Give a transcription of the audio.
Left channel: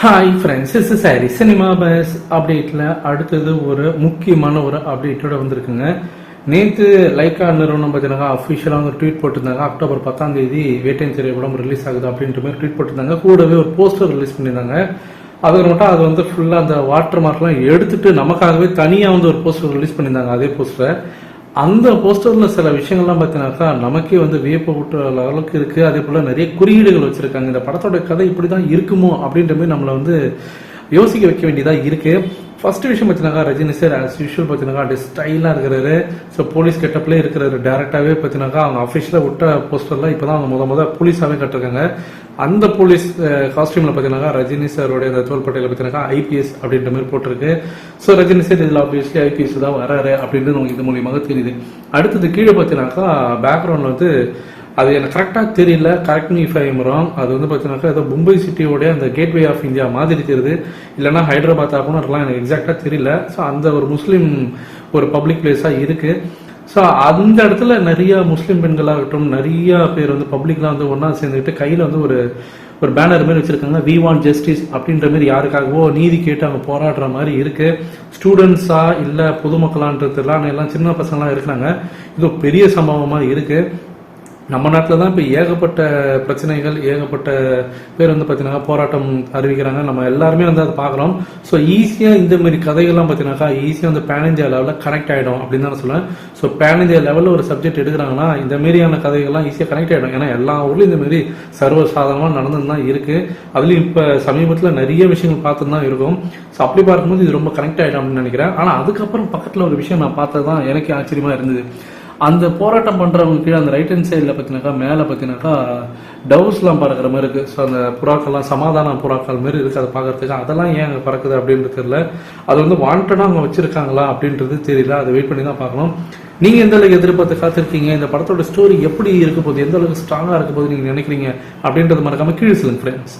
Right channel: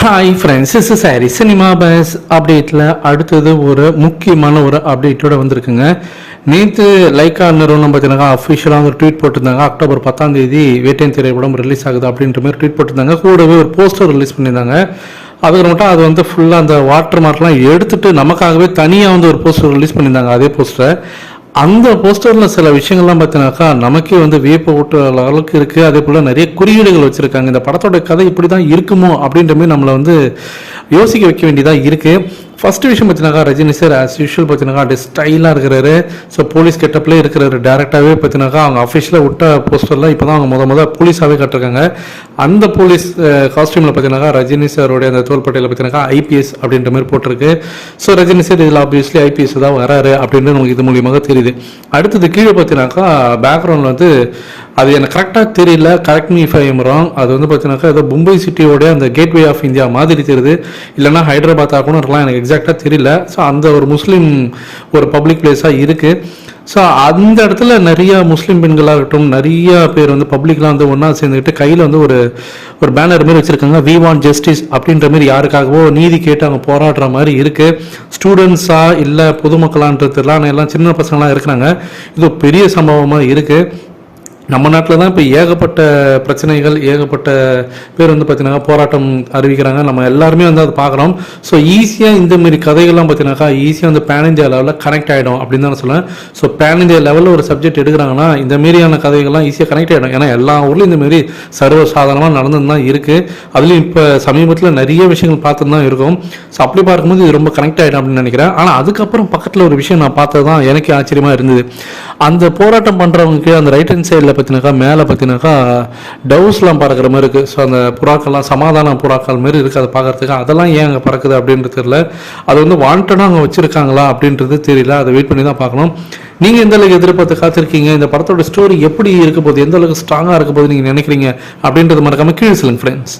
Hi friends is sorry cinema buzz அப்டேட்டில் அடுத்தது ஒரு முக்கியமான ஒரு அப்டேட்டோட வந்திருக்குங்க. நேற்று லைக்கா நிறுவனம் பார்த்தீங்கன்னா அஃபிஷியலாக ஒரு ட்வீட் போட்டிருந்தாங்க. அக்டோபர் பத்தாம் தேதி வேட்டையன் திரைப்படம் ரிலீஸ் ஆகுது அப்படின்ற மாதிரி ட்வீட் போட்டிருந்தாங்க. கூடவே ஒரு போஸ்டர் ரிலீஸ் பண்ணியிருந்தாங்க. அது மட்டும் அது வந்து ஃபுல்லாக அந்த வாட்டர் மார்க்லாம் எடுத்துட்டு நமக்காகவே தனியாக வந்து ஒரு போஸ்டர் ரிலீஸ் பண்ணியிருந்தாங்க. அதே போஸ்டரை அந்த போஸ்டரில் சில விஷயங்கள்லாம் பார்த்தீங்கன்னாக்கா நமக்கே வந்து வியப்ப ஊட்டுற அளவுக்கு இருக்குது அதே போல் நிறைய குறியீடுகள் வச்சுருக்காங்க. இந்த படத்தோட கதை இப்படி தான் இருக்குமோ அப்படின்ற மாதிரி நம்மளை வந்து யோசிக்க வைக்க வேண்டியதாக இருக்குது ஃபர்ஸ்ட் விஷயம் பார்த்தீங்கன்னா ரஜினி சார் ஆஸ் யூஷுவல் பார்த்தீங்கன்னா அப்படி ஸ்டைலாக இருக்கிறாரு. ஸோ போலீஸ் கெட்டப்லேயே இருக்கிறாரு. டேரெக்டாகவே பார்த்தீங்கன்னா அவங்க அஃபிஷியலாக விட்ட போஸ்டரில் இப்போ தான் அவங்க முத முத போலீஸாகவே கட்டிருக்காங்க. அந்த போலீஸ் காஸ்டியூமில் பார்த்தீங்கன்னா ரஜினி சாரோடைய அந்த தோள்பட்டையில் பார்த்தீங்கன்னா ஐபிஎஸ் அப்படின்ற மாதிரி போட்டிருக்கு. ஸோ ரஜினி சார் இதில் ஆப்வியஸ்லி ஐபிஎஸ் தான் வராரு அப்படின்றது நமக்கு இது மூலியமாக தெரியுது. அடுத்தது கீழே பார்த்தீங்கன்னாக்கா பேக்ரவுண்டில் வந்து அது எனக்கு கரெக்டாக தெரியல. கரெக்ட் மீ ஃபை ராங் அது வந்து பார்த்தீங்கன்னாக்கா அது மும்பை சிட்டியோட அந்த கேட்வே ஆஃப் இந்தியா மாதிரி தெரியுது இல்லைன்னா ஹைதராபாத் ஆகணும் இருக்கலாம் எனக்கு எக்ஸாக்டாக தெரியல. ஸோ அந்த ஒரு முஸ்லீம் ஒரு பப்ளிக் பிளேஸாக இருக்குது ஸோ அந்த இடத்துல நிறைய முஸ்லீம் பெண்களாகட்டும் நிறைய பேர் வந்து பப்ளிக்லாம் வந்து ஒன்றா சேர்ந்துக்கிட்டு கையில் வந்து ஒரு ஒரு பேனர் மாதிரி வச்சுருக்காங்க. வி வாண்ட் ஜஸ்டிஸ் அப்படின்ற மாதிரி யாருக்காகவோ நீதி கேட்டு அவங்க போராடுற மாதிரி இருக்குது ஸ்டூடெண்ட்ஸா இல்லை பொதுமக்களான்றதுலாம் எல்லாம் சின்ன பசங்களாம் இருக்கிறாங்க. இது பெரிய சம்பவமாக இருக்குது நம்ம நாட்டில் தான் இப்போ ஏகப்பட்ட பிரச்சனைகள் ஏகப்பட்ட பேர் வந்து பார்த்தீங்கன்னா போராட்டம் அறிவிக்கிறாங்க. நம்ம எல்லாருமே வந்து அதை பார்க்குறோம். ஸோ ஈஸியாக இந்த மாதிரி கதைகள்லாம் பார்த்தீங்கன்னாக்கா ஈஸியாக வந்து பேன் இந்தியா லெவலில் கனெக்ட் ஆகிடும் அப்படின்னு தான் சொல்லுவேன் ஸோ பேன் இந்தியா லெவலில் ஒரு சப்ஜெக்ட் எடுக்கிறாங்கன்னா இந்த மாரியான கதைகள்லாம் ஈஸியாக கனெக்ட் ஆகிடும் ஏன்னா எல்லா ஊர்லேயும் இந்த சர்வசாதாரணமாக சர்வ நடந்துன்னு தான் இருக்குது அதுலேயும் இப்போ சமீபத்தில் நிறைய விஷயங்கள் பார்த்துட்டு தான் இருக்கும். ஸோ அப்படி பார்க்கும்போது இது ரொம்ப கனெக்ட் ஆகிடும் அப்படின்னு நினைக்கிறேன். ஆனால் அதுக்கப்புறம் பக்கத்தில் ஒரு விஷயம் நான் பார்த்தது தான் எனக்கே ஆச்சரியமாக இருந்தது. அந்த போராட்டம் பண்ணுறவங்களுக்கு அந்த ரைட் ஹேண்ட் சைடில் பார்த்தினாக்கா மேலே பார்த்தினாக்கா டவுஸ்லாம் பறக்கிற மாதிரி இருக்குது ஸோ அந்த புறாக்கள்லாம் சமாதான புறாக்கள் மாதிரி இருக்குது அதை பார்க்கறதுக்கு அதெல்லாம் ஏன் அங்கே பறக்குது அப்படின்றது தெரியல. அது வந்து வாண்டடாக அவங்க வச்சுருக்காங்களா அப்படின்றது தெரியல. அதை வெயிட் பண்ணி தான் பார்க்கணும். நீங்கள் எந்த அளவுக்கு எதிர்பார்த்து காத்திருக்கீங்க? இந்த படத்தோட ஸ்டோரி எப்படி இருக்க போகுது? எந்த அளவுக்கு ஸ்ட்ராங்காக இருக்க போகுது நீங்கள் நினைக்கிறீங்க? அப்படின்றது மறக்காமல் கீழே சொல்லுங்கள் ஃப்ரெண்ட்ஸ்